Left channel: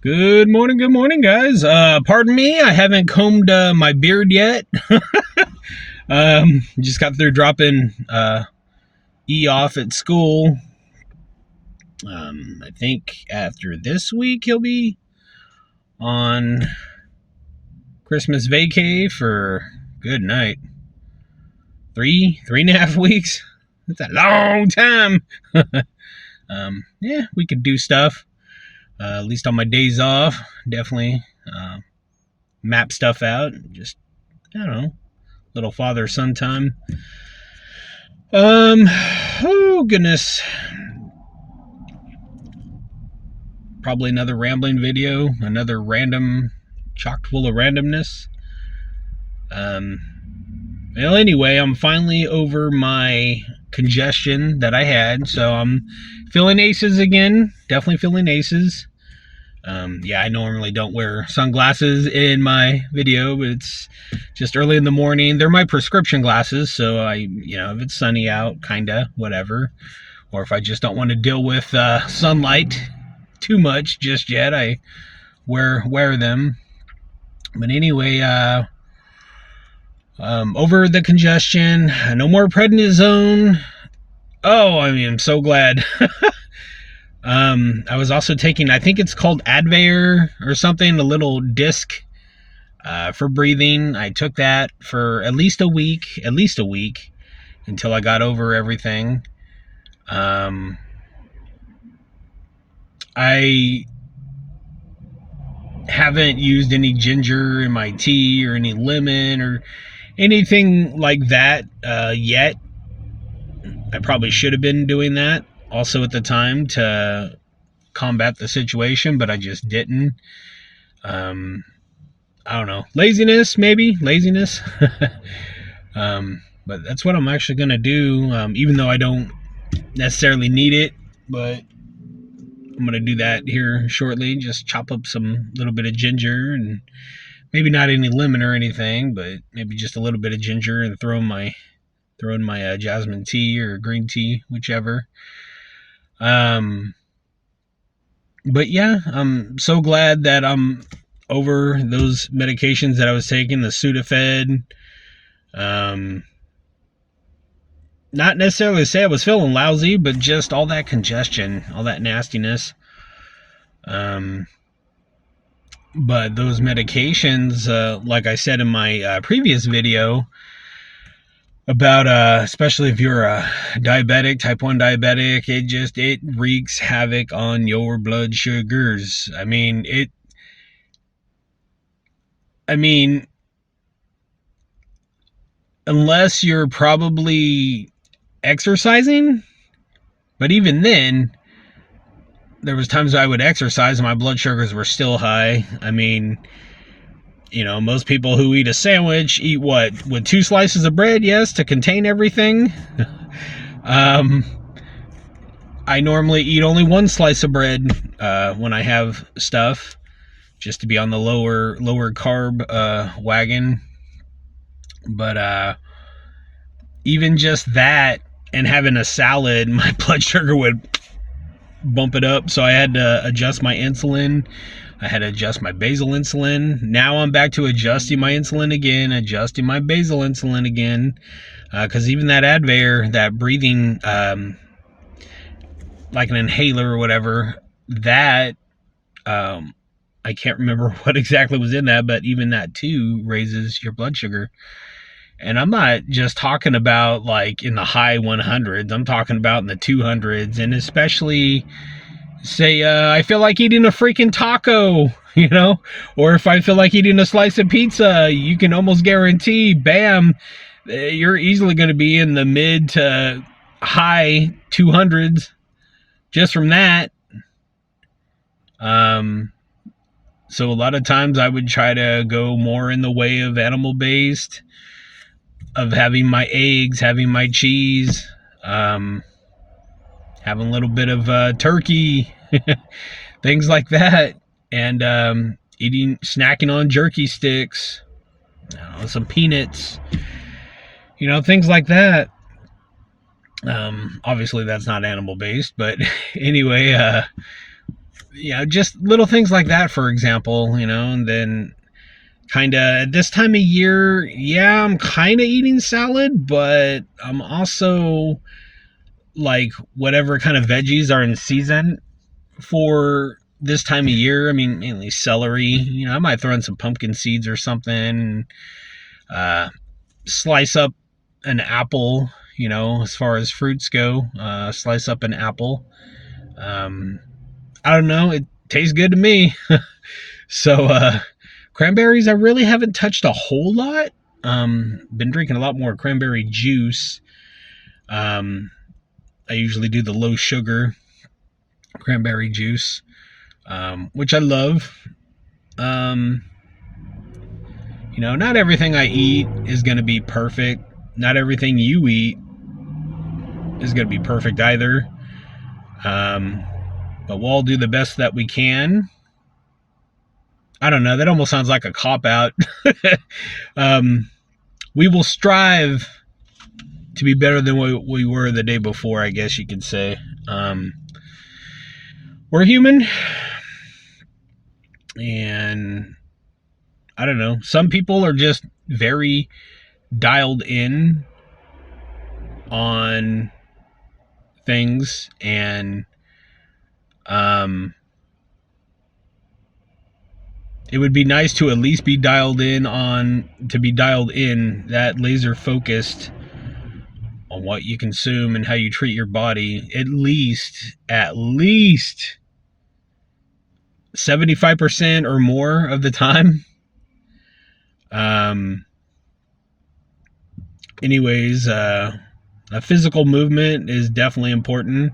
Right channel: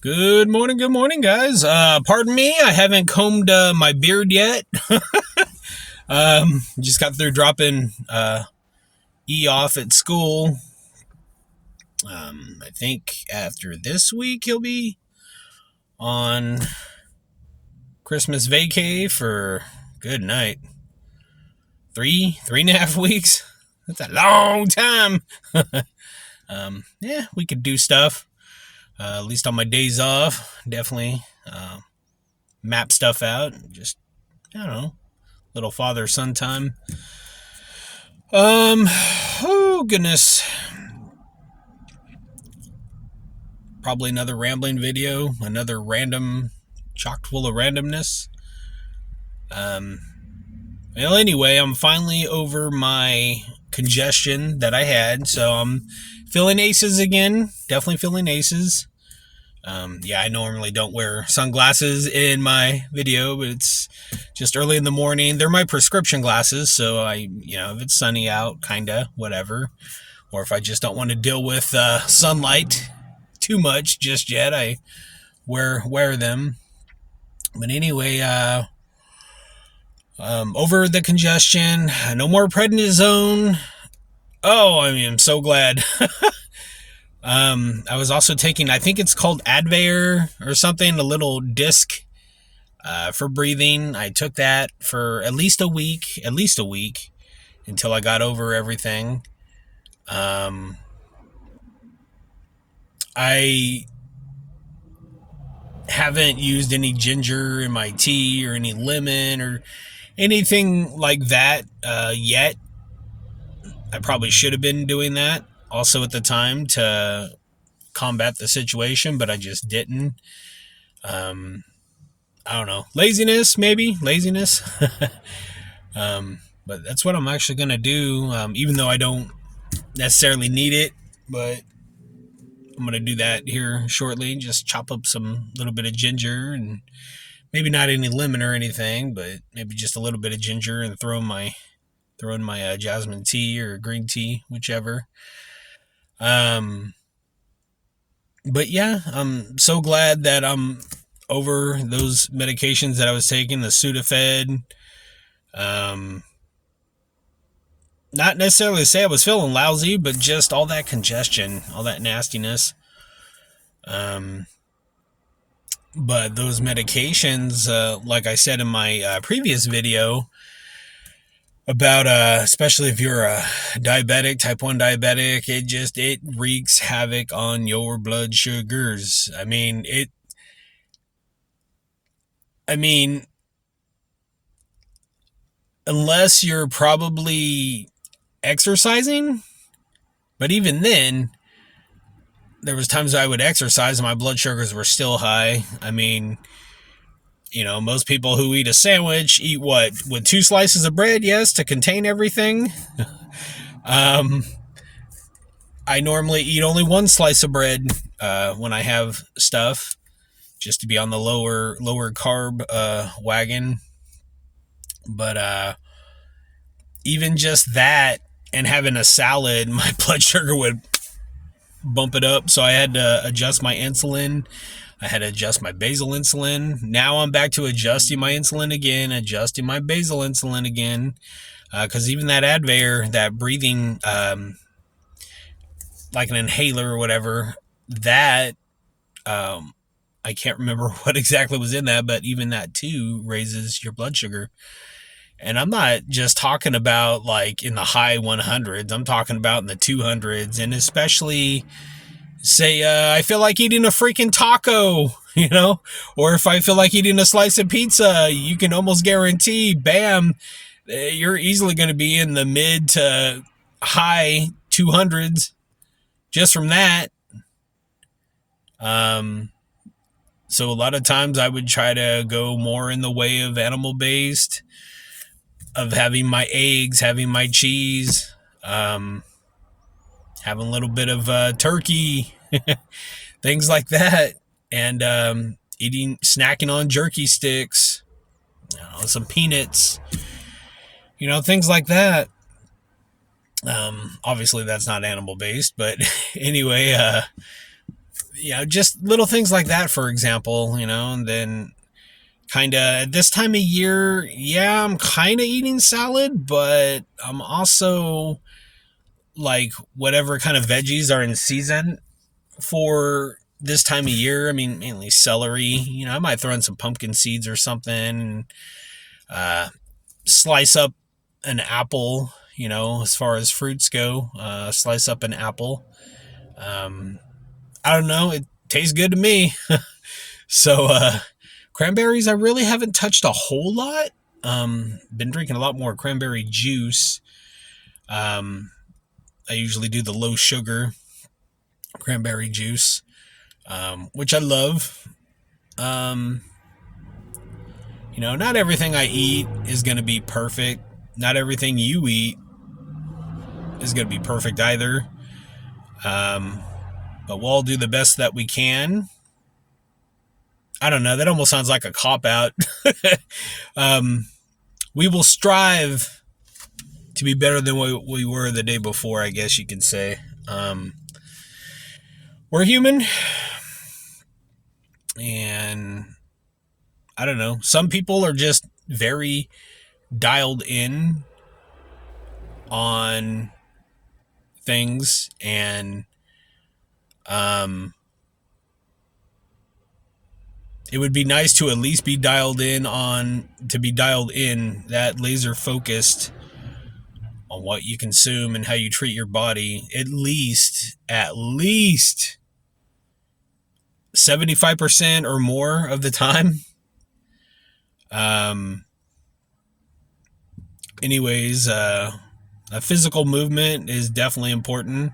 Good morning, guys. Pardon me, I haven't combed my beard yet. Just got through dropping E off at school. I think after this week he'll be on Christmas vacay for good night. Three and a half weeks. That's a long time. Yeah, we could do stuff. At least on my days off, definitely map stuff out. Just I don't know, little father son time. Oh goodness, probably another rambling video, another random, chock full of randomness. Um, well, anyway, I'm finally over my congestion that I had, so I'm feeling aces again. Definitely feeling aces. Yeah, I normally don't wear sunglasses in my video, but it's just early in the morning. They're my prescription glasses, so if it's sunny out, kinda, whatever. Or if I just don't want to deal with sunlight too much just yet, I wear them. But anyway, over the congestion, no more prednisone. Oh, I'm so glad. I was also taking, I think it's called Advair or something, a little disc for breathing. I took that for at least a week, until I got over everything. I haven't used any ginger in my tea or any lemon or anything like that yet. I probably should have been doing that also at the time to combat the situation, but I just didn't. I don't know. Laziness, maybe. Laziness. But that's what I'm actually going to do, even though I don't necessarily need it. But I'm going to do that here shortly. Just chop up some little bit of ginger and maybe not any lemon or anything, but maybe just a little bit of ginger and throw in my jasmine tea or green tea, whichever. But yeah, I'm so glad that I'm over those medications that I was taking, the Sudafed. Not necessarily to say I was feeling lousy, but just all that congestion, all that nastiness. But those medications, like I said in my previous video, about especially if you're a diabetic, type 1 diabetic, it wreaks havoc on your blood sugars. I mean unless you're probably exercising, but even then there was times I would exercise and my blood sugars were still high. Most people who eat a sandwich eat what? With 2 slices of bread, yes, to contain everything. I normally eat only 1 slice of bread when I have stuff, just to be on the lower carb wagon. But even just that and having a salad, my blood sugar would bump it up. So I had to adjust my insulin. I had to adjust my basal insulin. Now I'm back to adjusting my insulin again, adjusting my basal insulin again. Because even that Advair, that breathing, like an inhaler or whatever, that, I can't remember what exactly was in that, but even that too raises your blood sugar. And I'm not just talking about like in the high 100s. I'm talking about in the 200s. And especially, say, I feel like eating a freaking taco, or if I feel like eating a slice of pizza, you can almost guarantee, bam, you're easily going to be in the mid to high 200s just from that. So a lot of times I would try to go more in the way of animal based, of having my eggs, having my cheese, having a little bit of turkey, things like that, and snacking on jerky sticks, some peanuts, things like that. Obviously that's not animal based, but anyway, just little things like that, for example, and then kind of at this time of year, yeah, I'm kind of eating salad, but I'm also like whatever kind of veggies are in season for this time of year. I mean, mainly celery. I might throw in some pumpkin seeds or something, and slice up an apple. As far as fruits go, slice up an apple. I don't know. It tastes good to me. So, cranberries, I really haven't touched a whole lot. Been drinking a lot more cranberry juice. I usually do the low sugar cranberry juice, which I love. Not everything I eat is going to be perfect. Not everything you eat is going to be perfect either. But we'll all do the best that we can. I don't know. That almost sounds like a cop-out. We will strive to be better than we were the day before, I guess you could say. We're human. And I don't know. Some people are just very dialed in on things, and it would be nice to at least be dialed in that laser focused on what you consume and how you treat your body at least 75% or more of the time. Anyways, a physical movement is definitely important,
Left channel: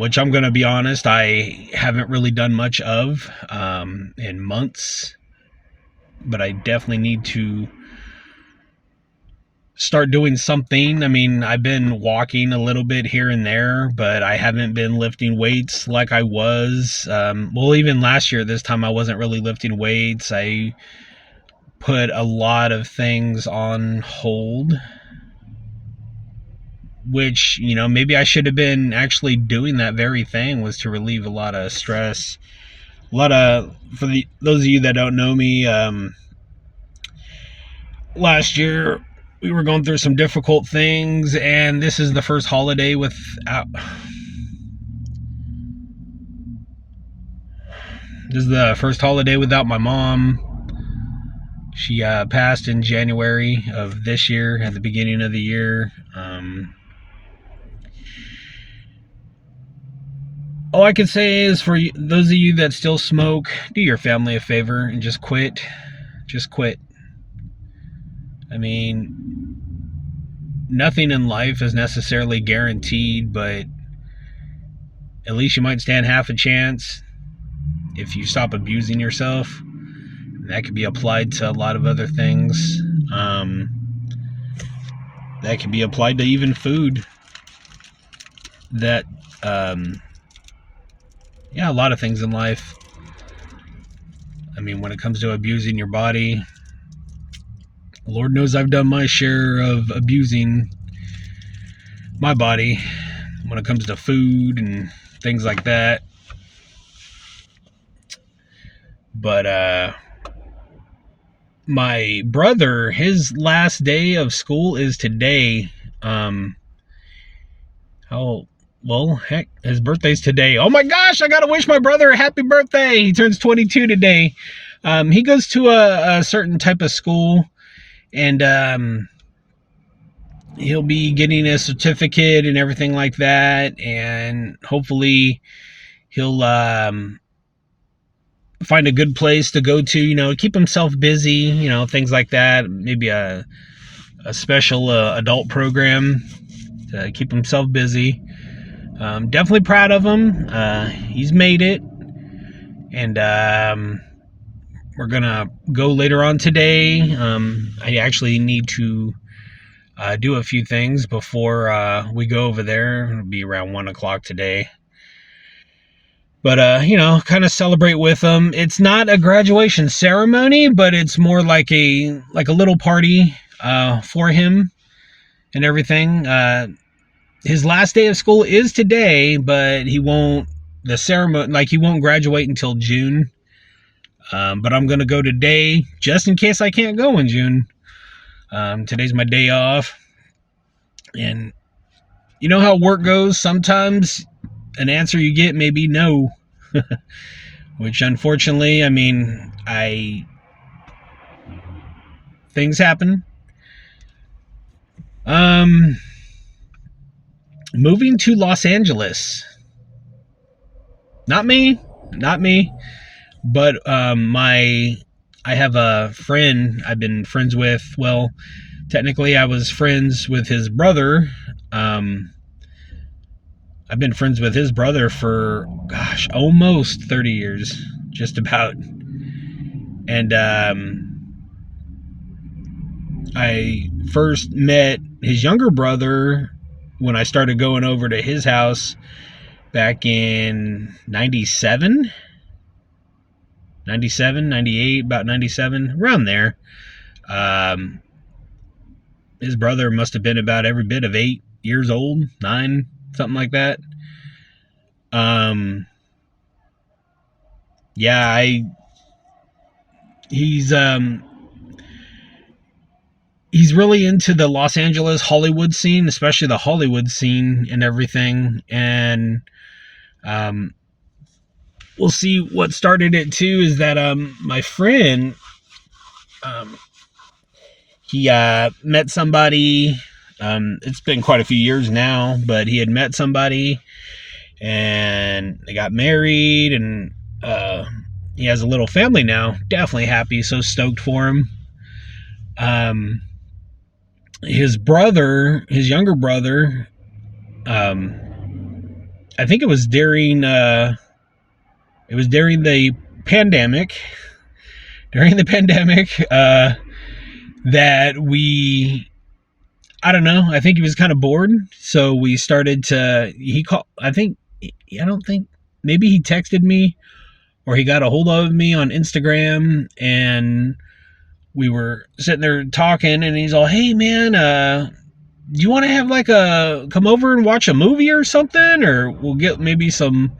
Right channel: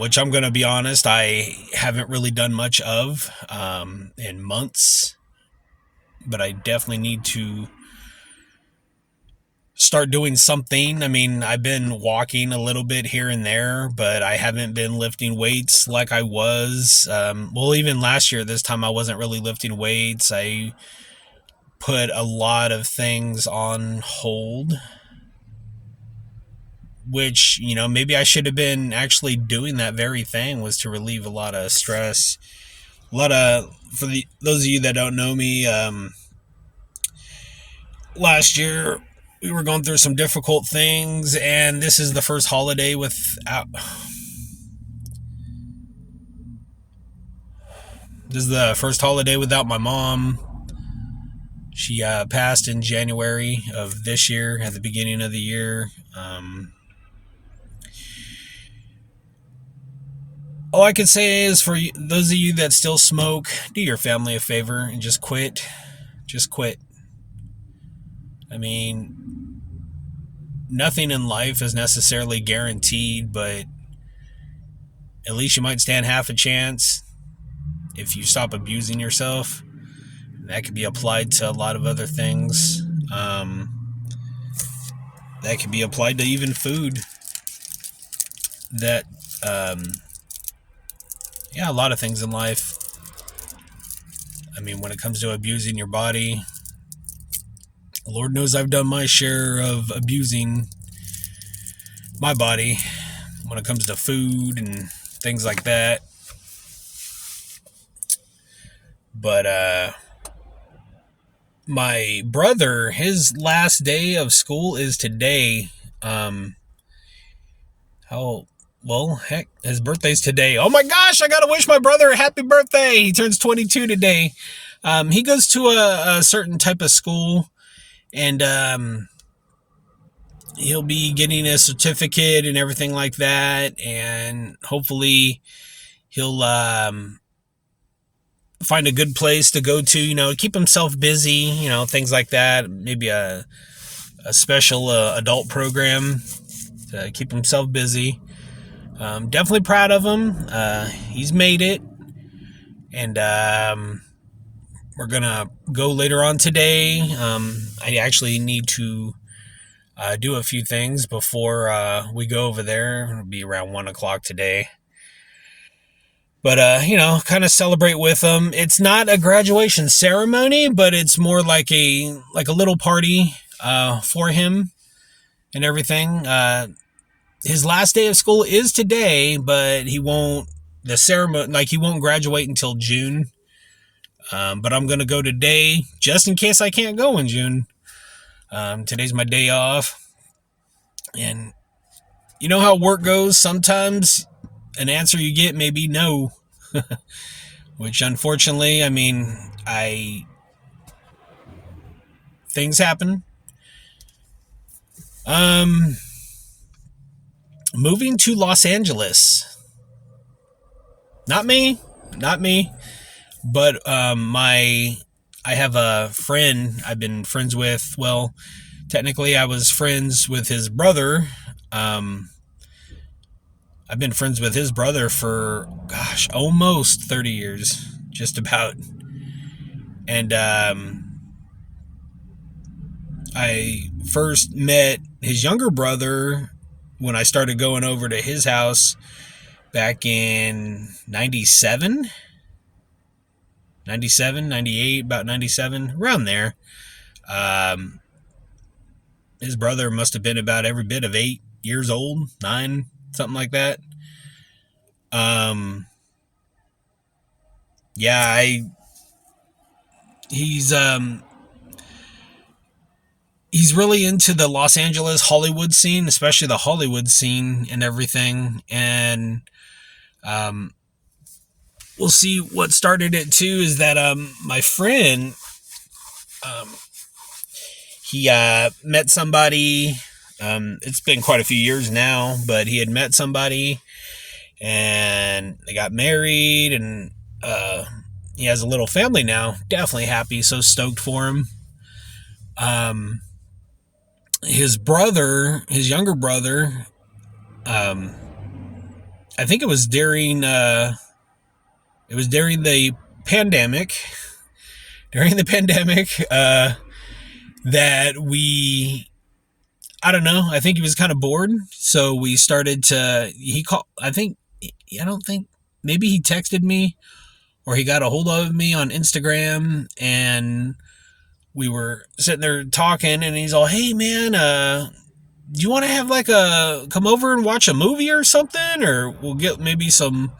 which I'm going to be honest, I haven't really done much of in months, but I definitely need to start doing something. I mean, I've been walking a little bit here and there, but I haven't been lifting weights like I was. Even last year, this time I wasn't really lifting weights. I put a lot of things on hold, which, maybe I should have been actually doing that very thing, was to relieve a lot of stress. Those of you that don't know me, last year we were going through some difficult things, and this is the first holiday without my mom. She passed in January of this year, at the beginning of the year. All I can say is, for those of you that still smoke, do your family a favor and just quit. Just quit. I mean, nothing in life is necessarily guaranteed, but at least you might stand half a chance if you stop abusing yourself. That could be applied to a lot of other things. That could be applied to even food. A lot of things in life. I mean, when it comes to abusing your body, Lord knows I've done my share of abusing my body when it comes to food and things like that. But, my brother, his last day of school is today. His birthday's today. Oh my gosh, I gotta wish my brother a happy birthday. He turns 22 today. He goes to a certain type of school, and he'll be getting a certificate and everything like that, and hopefully he'll find a good place to go to, keep himself busy, things like that. Maybe a special adult program to keep himself busy. Definitely proud of him. He's made it. And we're going to go later on today. I actually need to do a few things before we go over there. It'll be around 1 o'clock today. But, kind of celebrate with him. It's not a graduation ceremony, but it's more like a little party for him and everything. His last day of school is today, but he won't the ceremony, like he won't graduate until June. But I'm gonna go today just in case I can't go in June. Today's my day off, and you know how work goes. Sometimes an answer you get may be no, which unfortunately, I mean, things happen. Moving to Los Angeles. Not me, but I have a friend I've been friends with. Well, technically, I was friends with his brother. I've been friends with his brother for, gosh, almost 30 years, just about. And I first met his younger brother when I started going over to his house back in 97, 98, about 97, around there. His brother must have been about every bit of 8 years old, 9, something like that. Yeah, he's really into the Los Angeles Hollywood scene, especially the Hollywood scene and everything. And we'll see what started it too is that my friend he met somebody. It's been quite a few years now, but he had met somebody and they got married, and he has a little family now. Definitely happy, so stoked for him. His brother, his younger brother, I think it was during the pandemic. During the pandemic, that I don't know. I think he was kind of bored, so we started to. He called. I don't think. Maybe he texted me, or he got a hold of me on Instagram, and we were sitting there talking, and he's all, "Hey man, do you want to have come over and watch a movie or something, or we'll get maybe some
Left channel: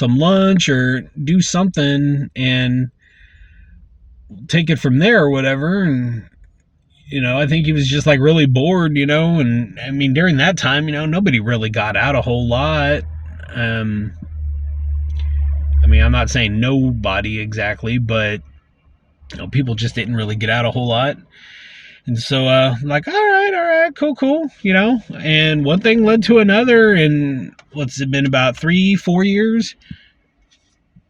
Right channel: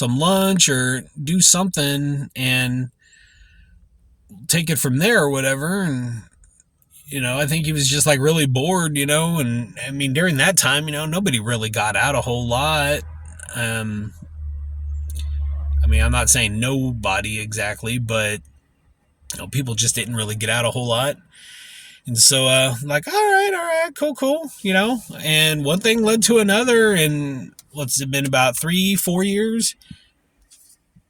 lunch or do something and take it from there or whatever." And I think he was just like really bored, and I mean during that time, nobody really got out a whole lot. I mean, I'm not saying nobody exactly, but people just didn't really get out a whole lot. And so, like, all right, cool, and one thing led to another, and what's it been, about 3-4 years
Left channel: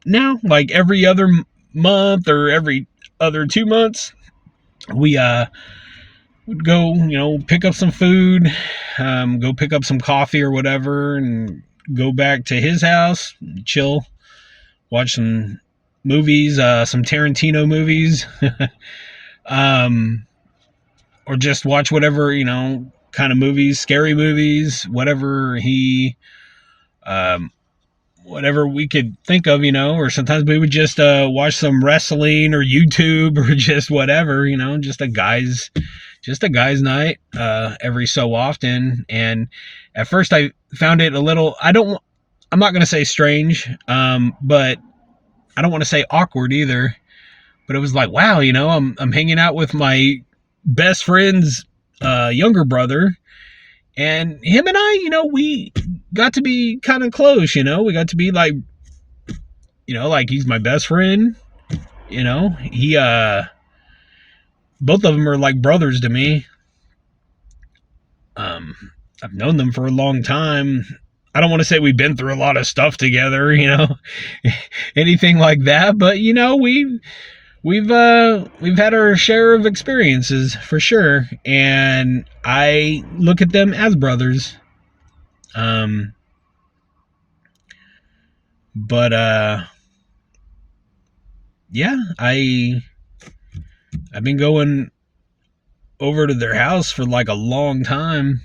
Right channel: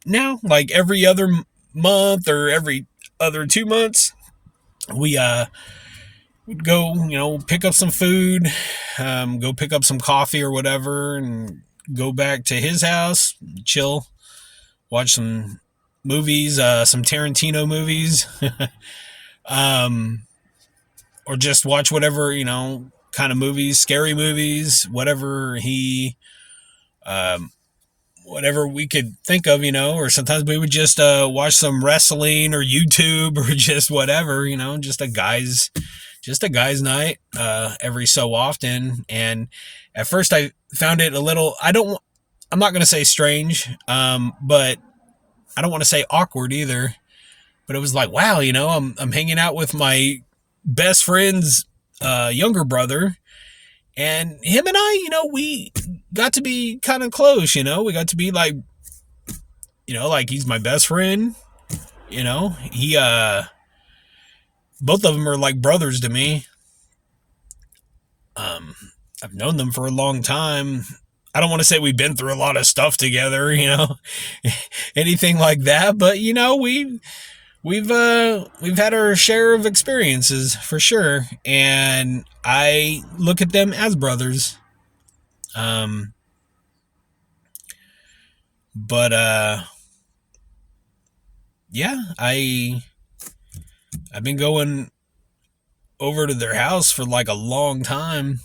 now? Like every other month or every other 2 months, we would go, pick up some food, go pick up some coffee or whatever, and go back to his house, chill, watch some movies, some Tarantino movies, or just watch whatever, kind of movies, scary movies, whatever whatever we could think of, or sometimes we would just watch some wrestling or YouTube or just whatever, just a guy's night every so often. And at first I found it a little, I'm not going to say strange, but I don't want to say awkward either. But it was like, wow, I'm hanging out with my best friend's younger brother, and him and I, we got to be kind of close. We got to be like, like he's my best friend. He both of them are like brothers to me. I've known them for a long time. I don't want to say we've been through a lot of stuff together, anything like that, but we've had our share of experiences for sure, and I look at them as brothers. But yeah, I've been going over to their house for like a long time.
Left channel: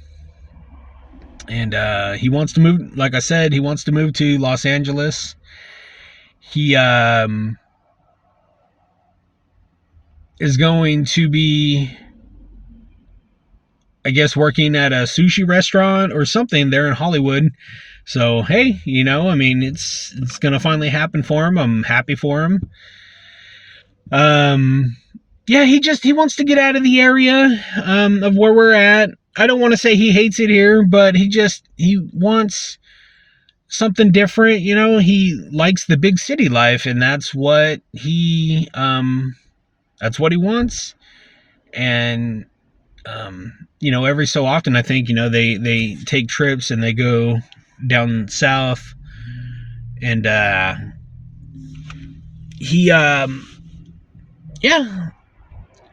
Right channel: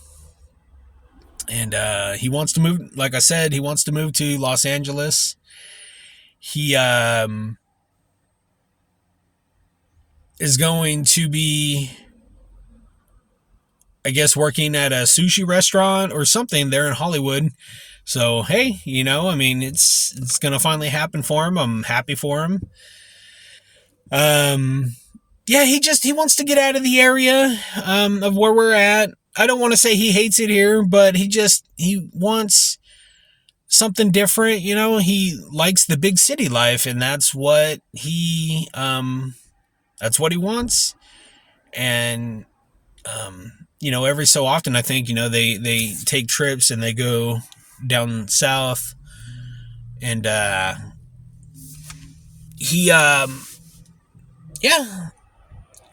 And he wants to move, like I said, he wants to move to Los Angeles. He is going to be, I guess, working at a sushi restaurant or something there in Hollywood. So hey, I mean, it's gonna finally happen for him. I'm happy for him. Yeah, he wants to get out of the area of where we're at. I don't want to say he hates it here, but he wants something different. He likes the big city life, and that's what he wants. And every so often, I think they take trips and they go down south, and he yeah,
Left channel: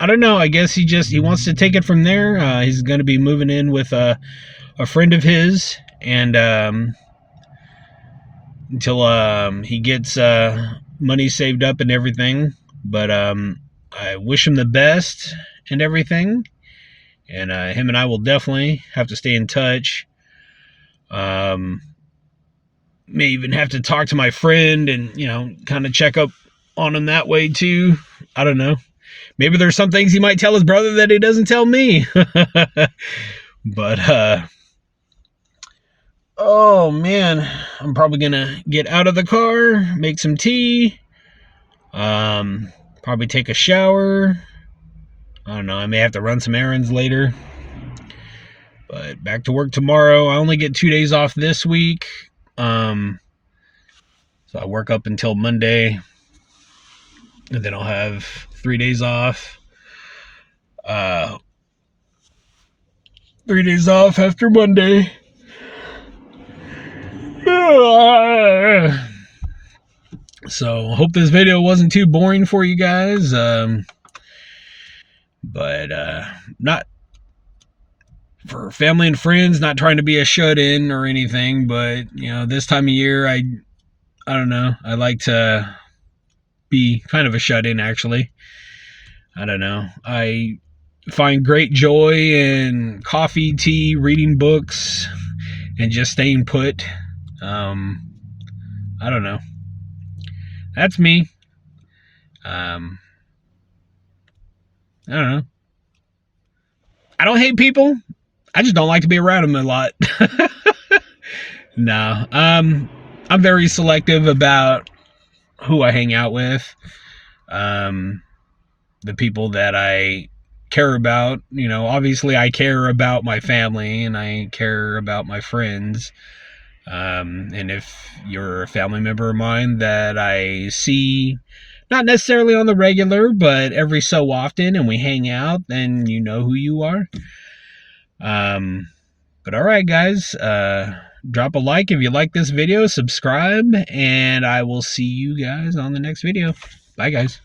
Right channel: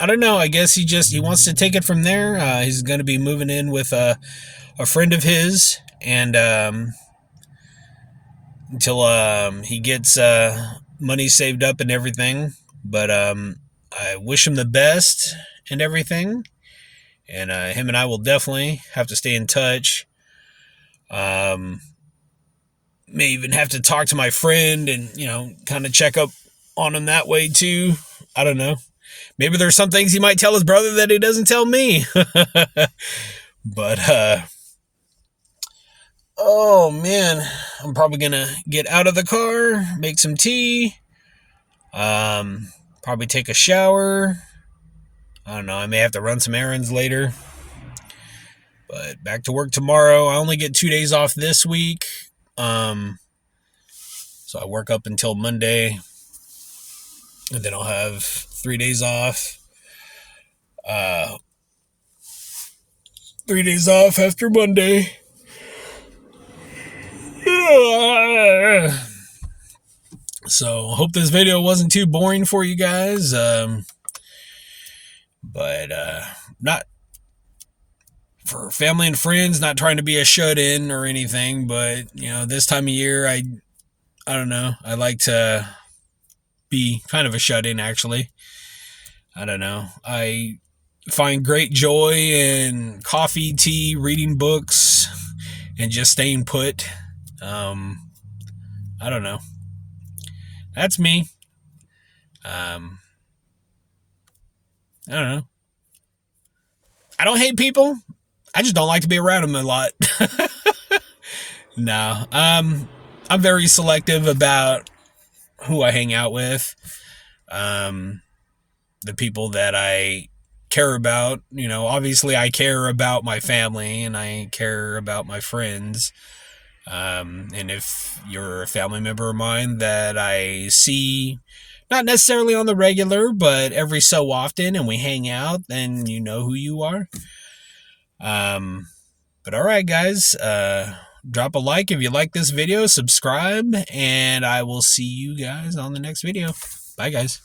I don't know. I guess he wants to take it from there. He's going to be moving in with a friend of his, and until he gets money saved up and everything. But I wish him the best and everything. And him and I will definitely have to stay in touch. May even have to talk to my friend and kind of check up on him that way too. I don't know. Maybe there's some things he might tell his brother that he doesn't tell me. But oh man, I'm probably gonna get out of the car, make some tea, probably take a shower. I don't know, I may have to run some errands later. But back to work tomorrow. I only get 2 days off this week. So I work up until Monday, and then I'll have 3 days off. 3 days off after Monday. So hope this video wasn't too boring for you guys. But not for family and friends, not trying to be a shut-in or anything, but this time of year I don't know, I like to be kind of a shut-in actually. I don't know. I find great joy in coffee, tea, reading books, and just staying put. I don't know. That's me. I don't know. I don't hate people. I just don't like to be around them a lot. No. I'm very selective about who I hang out with. The people that I care about, obviously I care about my family and I care about my friends. And if you're a family member of mine that I see, not necessarily on the regular, but every so often, and we hang out, then you know who you are. But all right, guys, drop a like if you like this video, subscribe, and I will see you guys on the next video. Bye, guys.